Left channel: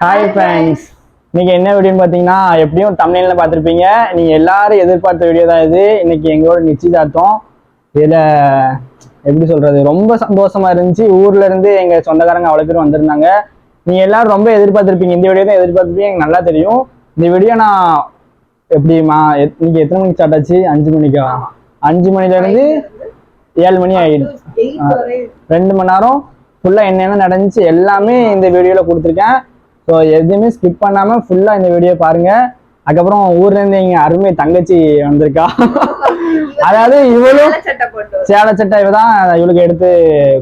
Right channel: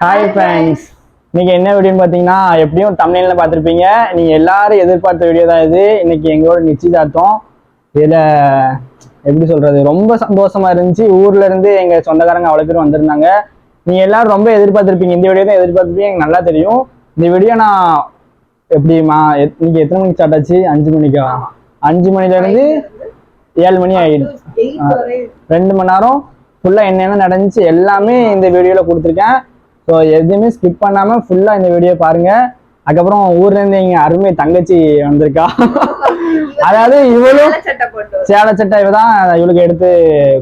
Hi friends இன்னைக்கு என்ன வீடியோன்னு பார்த்தீங்கன்னா எப்படியும் தமிழ்ல பார்த்துருப்பீங்க. நீங்கள் எல்லாரும் எதிர்பார்த்த வீடியோ தான் இது. இன்னைக்கு எங்களோட நிச்சயதார்த்தம். இதில் எப்படி சொல்றது ரொம்ப சந்தோஷமா இருந்துச்சு. ஊர்ல இருந்து எங்க சொந்தக்காரங்க அவ்வளோ பேர் வந்திருந்தாங்க. நீங்க எல்லாரும் ரொம்ப எதிர்பார்த்திருப்பீங்க. இந்த வீடியோ தான் எதிர்பார்த்திருப்பீங்க. எனக்கு நல்லா தெரியும். இந்த வீடியோ நான் எப்படிமா எத்- இன்னைக்கு எத்தனை மணிக்கு ஸ்டார்ட் ஆச்சு? அஞ்சு மணிக்கா? அஞ்சு மணில இருந்து ஏழு மணி ஆயிடுச்சு ஆ. ரெண்டு மணி நேரம் ஃபுல்லாக என்னென்ன நடந்துச்சு எல்லாமே இந்த வீடியோவில் கொடுத்துருக்கேன். ஸோ எதுவுமே ஸ்கிப் பண்ணாமல் ஃபுல்லாக இந்த வீடியோ பாருங்க. அதுக்கப்புறம் ஊர்லேருந்து எங்கள் அருமை தங்கச்சி வந்திருக்கா. அதாவது இவளும் சேலை சட்டை இவ தான் இவளுக்கு எடுத்து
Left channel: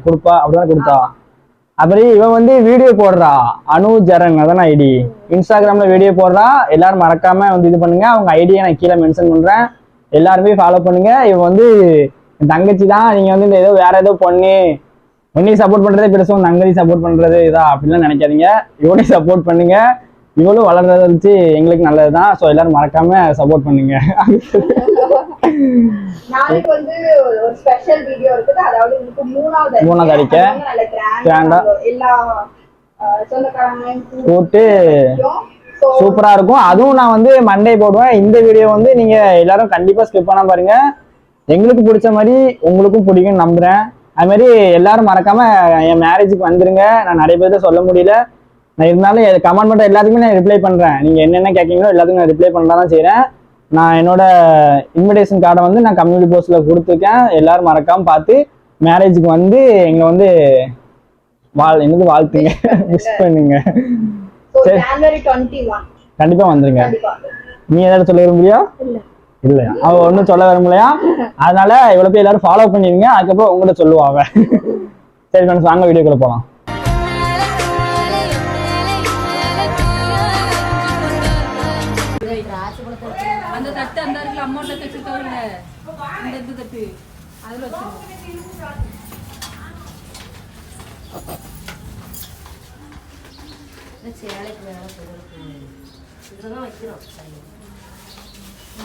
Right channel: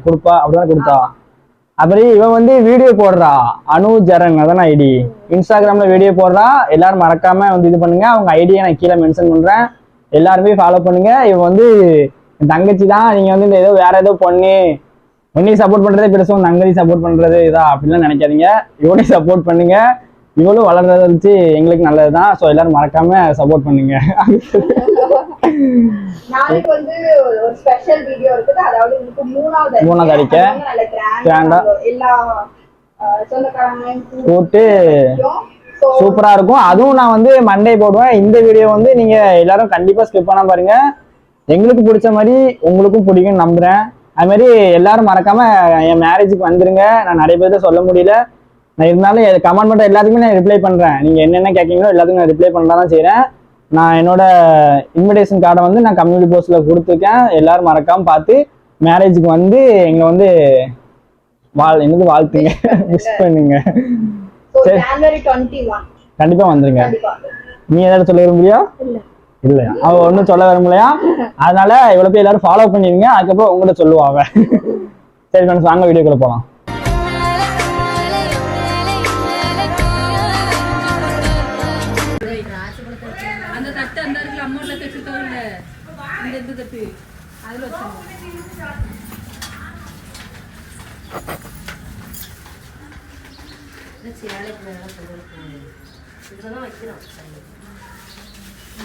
கொடுப்பா அப்படிதான் கொடுத்தா. அப்புறம் இவ வந்து வீடியோ போடுறா. அனு ஜரன் அதான் ஐடி இன்ஸ்டாகிராம்ல வீடியோ போடுறா. எல்லாரும் மறக்காம வந்து இது பண்ணுங்க. அவங்க ஐடியை நான் கீழே மென்ஷன் பண்றேன். எல்லாருமே ஃபாலோ பண்ணுங்க. இவ வந்து தங்கச்சி தான் நீங்க வந்து இந்த ஏதோ வேற ஏதோ பொண்ணு உன்னையும் சப்போர்ட் பண்றதே பெருசும் உன் தங்கச்சி சப்போர்ட் பண்றது இதா அப்படிலாம் நினைக்காதீங்க. இவனையும் சப்போர்ட் பண்ணுங்க. இவளும் வளர்றத வச்சு எங்களுக்கு நல்லதுதான். ஸோ எல்லாரும் மறக்காம சப்போர்ட் பண்ணுங்க. நாளைக்கு வந்து ஒரு ஸ்பெஷல் வீடியோ இருக்குது. அதாவது உங்களுக்கு மூணாவது Grand கிராண்டா. எல்லா சொந்தக்காரங்களையும் கூப்பிட்டு சூப்பரா இருக்கும். அதுவும் நான் வந்து மண்டே போடுவேன். இந்த வீடியோ வந்து நீங்க எல்லாரும் கண்டிப்பா ஸ்கிப் பண்ணாம பாருங்க. எங்களுக்கு பிடிச்ச மாதிரி உங்களுக்கும் பிடிக்கும்னு நம்புறேன். அது மாதிரி எல்லாரும் மறக்காம என் மேரேஜுக்கு வந்துருங்க. நான் நிறைய பேர்ட்ட சொல்ல முடியல. நான் இருந்தாலும் கமெண்ட் பண்ற எல்லாத்துக்குமே நான் ரிப்ளை பண்றேன். நீங்க என்னென்ன கேட்கீங்களோ எல்லாத்துக்கும் நான் ரிப்ளை பண்ண தான் செய்றேன். நான் என்னோட இன்விடேஷன் கார்டை வந்து நான் கம்யூனிட்டி போஸ்ட்ல கொடுத்துருக்கேன். எல்லாரும் மறக்காம பார்த்து மேரேஜுக்கு வந்து எங்க வந்து வாழ் என்னது வாழ்த்துங்க. விஷ் பண்ணுங்க. So சரி. January 21 கண்டிப்பா வந்துருங்க. நீ ஏதாவது சொல்ல விரும்புறியா? இல்ல அவ ஒன்றும் சொல்ல விரும்பலையா? அதனால இவ்வளவு பேர் எல்லாரும் ஃபாலோ பண்ணிருங்க அதுக்கப்புறம் உங்கள்கிட்ட சொல்லுவா அவ. சரி ஃப்ரெண்ட்ஸ் வாங்க வீடியோக்குள்ள போலாம். அந்த தட்டு அந்த இருக்குல்ல அமௌண்ட்ல தைச்சிருக்கோம்ல இந்த இந்த தட்டு. அதுல வச்சிருக்கோம் சேலைக்கு மேல போடுறதுக்கு இதுலதான் வைக்கிறோம்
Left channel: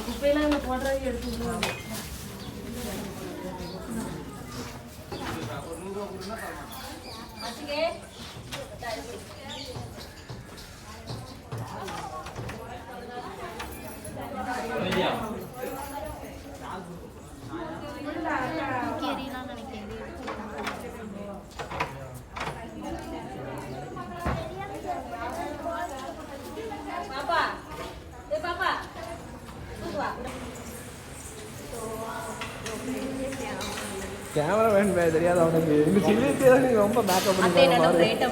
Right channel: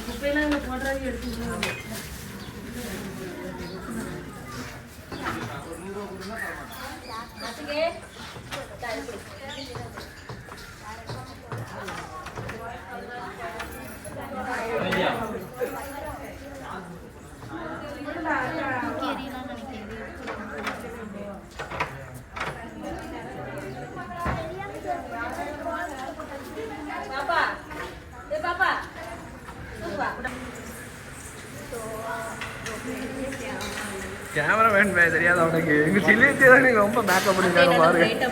குப்பையெல்லாம் இங்க போடுறதுக்கு எடுத்துக்கணும். கேமரா மேன் தெரியாது அவனுக்கு எங்க சில்லிட்டு தான் நீங்க ரொம்ப மேக்கப் பண்ணிருக்காங்க பாரு ரேட்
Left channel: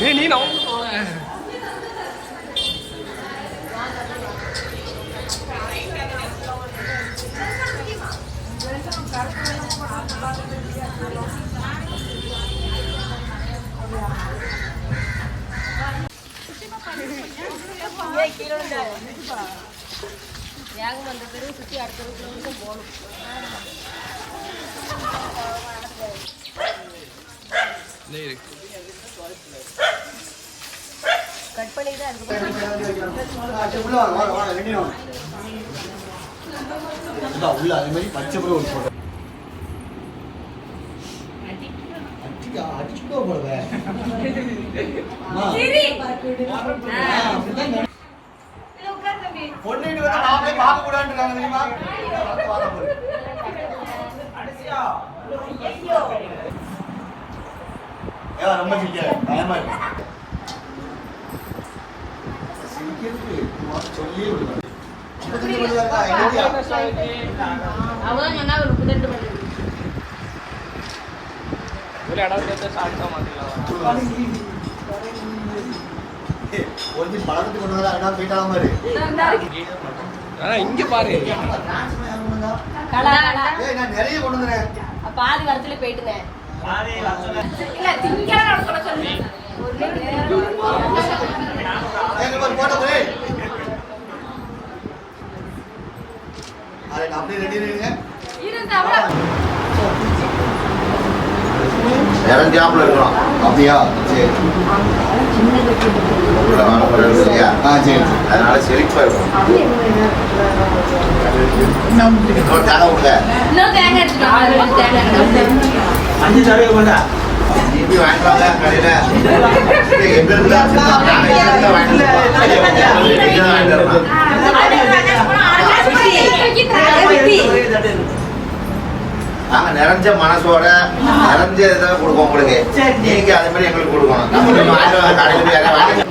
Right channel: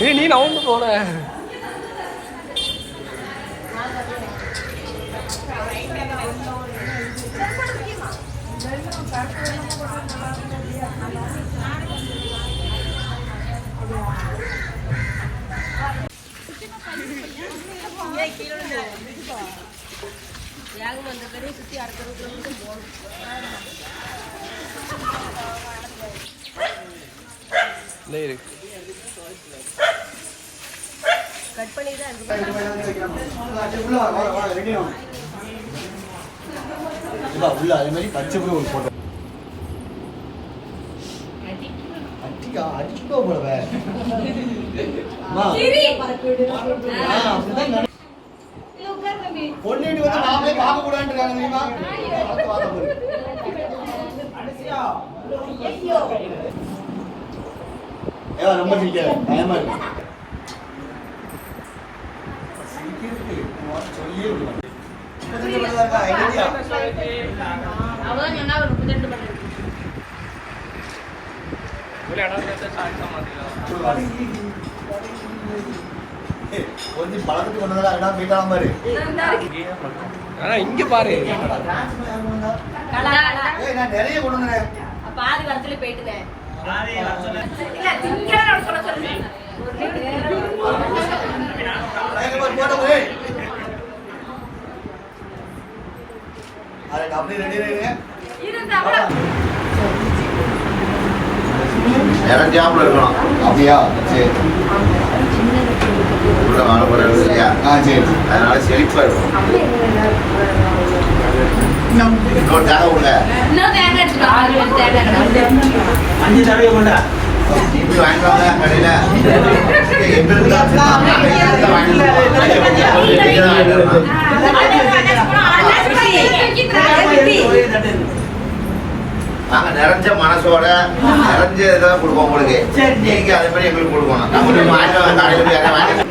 நீ நீ நவுந்து போல வேகமாக இந்த தெருவு சுற்றி அடுத்த தெருவுக்குள்ள போகணும் நீ இருக்கு கட் பண்ணி தான் உள்ள அதே மாதிரி படிச்ச பிறகு ஒரு போட்டோ அடிக்கா அடிக்கோ போலவே பொண்ணு வீட்டு வந்து மாப்பிளை பார்க்க கூடாதுன்றாங்க தெரியுமா ஏன் ரொம்ப மணி தான் இருக்கா? இங்க பாரு. நிறைய கொண்டு பாதி வரத்துல போயிட்டுனேன் இல்ல திங்கக்கிழமை இருக்கணும் அப்படியா சரி உள்ள காணப்படுறது இல்லையா ஆ சரி அதனால செழிப்பா இருக்கும் இன்னொரு தேங்காய் கொடுங்க இப்படி வாங்கிட்டு வாங்க கடையில. எங்க இருந்தா. நாங்க நிறைஞ்ச மனசோட நிறைஞ்ச இதான் கொடுப்போம் உங்களுக்கு. நீங்க அதே மாதிரி எங்களுக்கு கொடுக்கணும். நம்ம போய் வாங்கிட்டு வாங்க, கடையில போய் யாரையா வாங்கி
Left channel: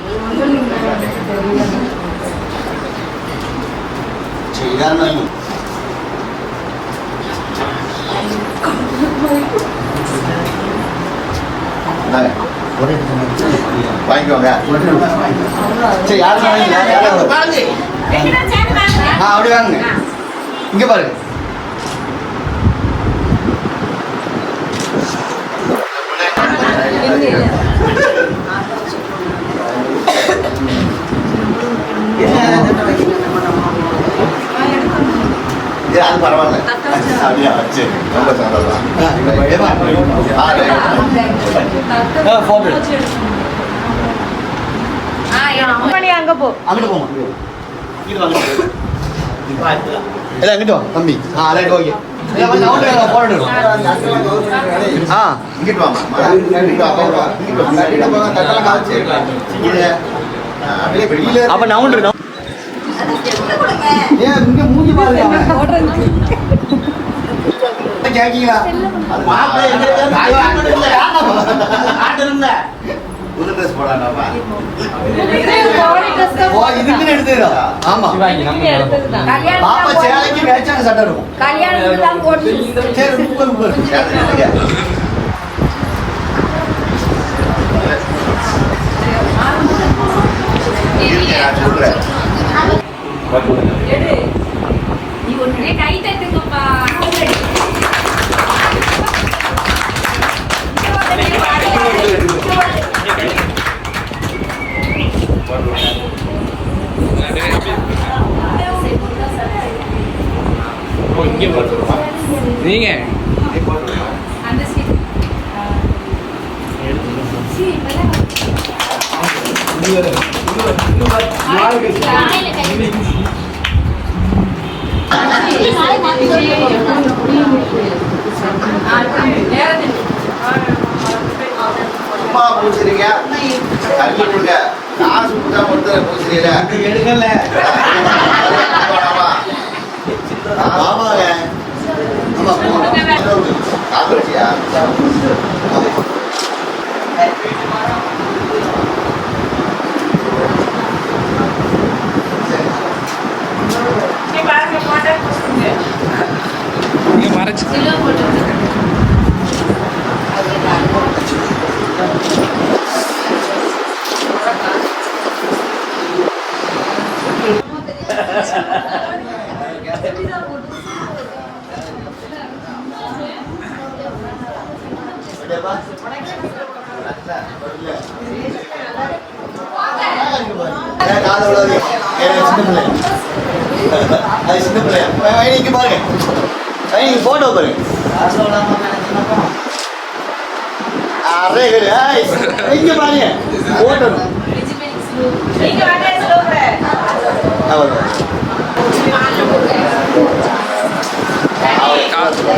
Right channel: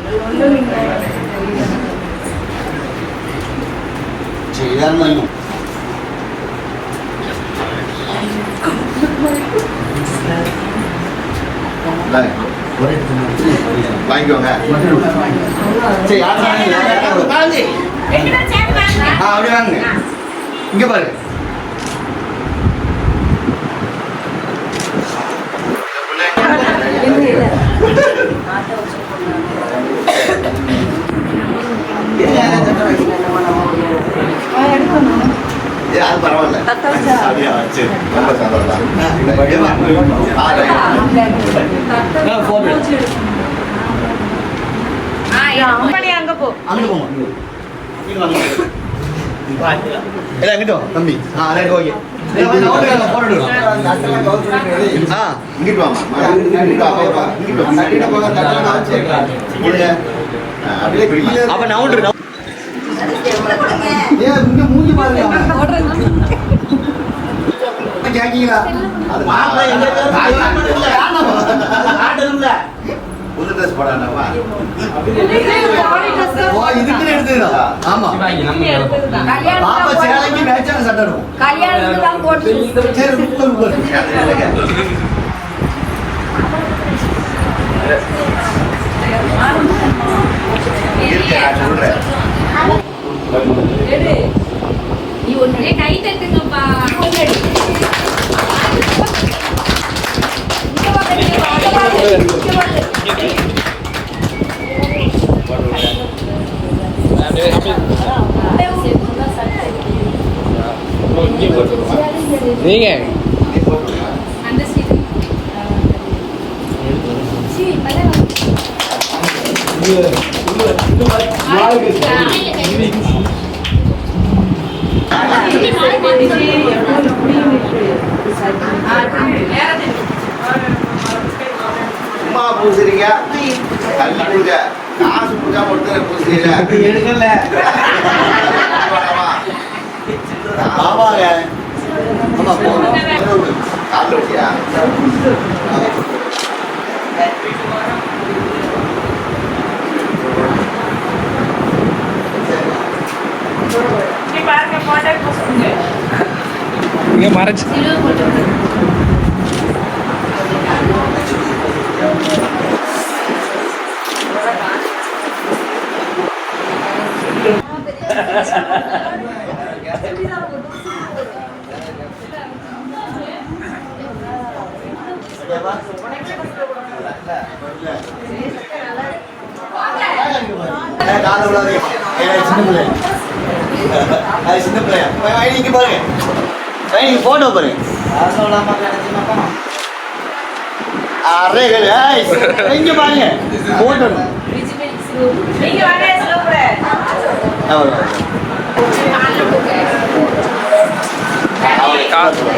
சரி இதான் இன்னும் இந்தாங்க. வாங்கிக்கோங்க சரி யார் சொன்னீங்க? ஆ அப்படியே வாங்க இங்க பாருங்க ஏய், அது பரவாயில்ல அப்படியா சரி ரொம்ப சந்தோஷம் ஆ, அங்கிட்டு போமா இது வாங்க அங்கிட்டு வா தம்பி ஆ ரைட் ஓகே இங்கிட்டு. இங்கிட்டு. இங்கிட்டு. அப்ப நவுண்டு ஏன் இங்க மூஞ்சி பாருங்க கேக்கீங்களா அது மாப்பிள்ளை? புது இதுக்குன்னு எடுத்துக்கிறா? ஆமா. பாப்பா சேலைக்கு மேட்சான சட்டை இருக்கும். சரி உட்கார் நீங்க? சீட் பூசுறீங்க தண்ணி கொடுங்க. மட்டும் பூசுறீங்க எடுக்கல ஆமாங்க ஆமா போங்க காசு வச்சியா இங்க மறைச்சு சின்ன பிள்ளை. அது சின்ன பிள்ளை. ஐ, பாருங்க. இங்க பாருங்க. か？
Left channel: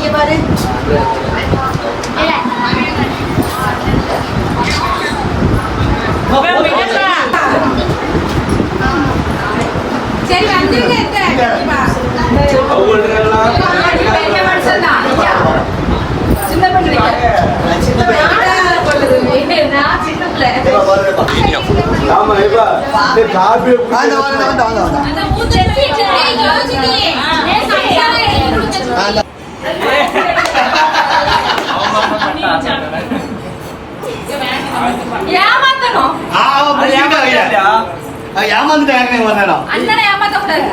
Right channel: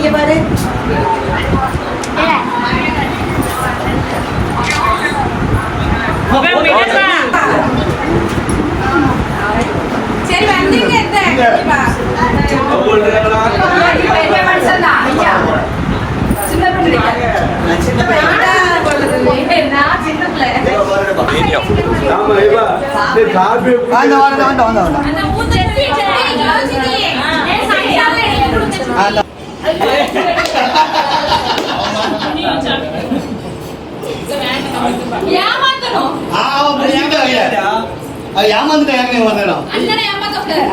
ஆமா ஏமாந்துட்டா ஏற்கனவே வந்தானா அண்ணனை ஏமாத்த கூடாது